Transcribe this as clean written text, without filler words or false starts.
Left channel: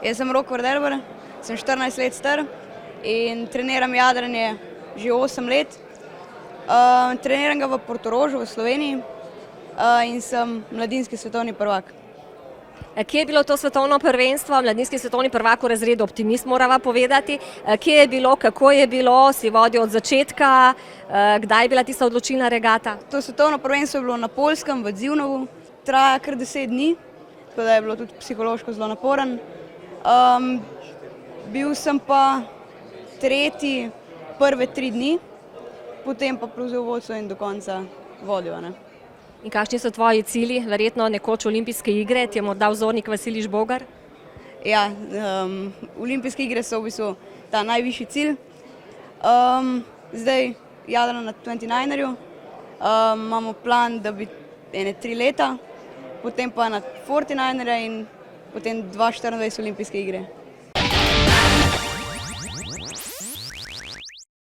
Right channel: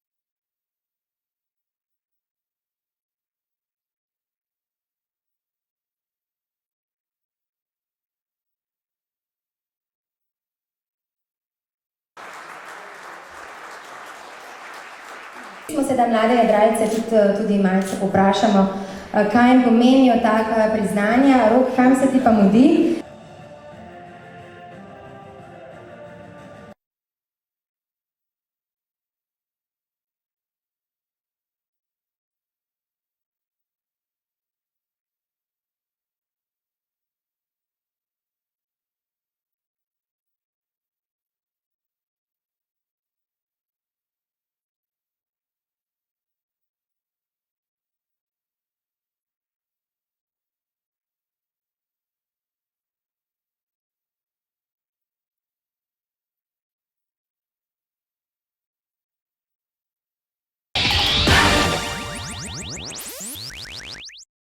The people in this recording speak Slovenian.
Jaz sem Rok Vardelber, sem 14 let star in treniram jadranje že 8 let. Treniram ga v Portorožu v Sloveniji in sem mladinski svetovni prvak. Kje je bilo to svetovno prvenstvo, mladinski svetovni prvak v razredu Optimist, morava povedati? Kje je bilo, kako je bilo, si vodil od začetka, kdaj je bila tista odločilna regata? To svetovno prvenstvo je bilo na Poljskem v Dzivnovu, traja kar 10 dni, tako da je bilo tudi psihološko zelo naporen. Bil sem pa tretji prve 3 dni, potem pa prevzel vodstvo in do konca vodil. In kakšni so tvoji cilji? Verjetno nekoč olimpijske igre, ti je morda vzornik Vasilij Žbogar? Ja, olimpijske igre so v bistvu ta najvišji cilj. Zdaj jadram na 29erju, imamo plan, da bi 3 leta, potem pa na 49erja in potem 2024 olimpijske igre.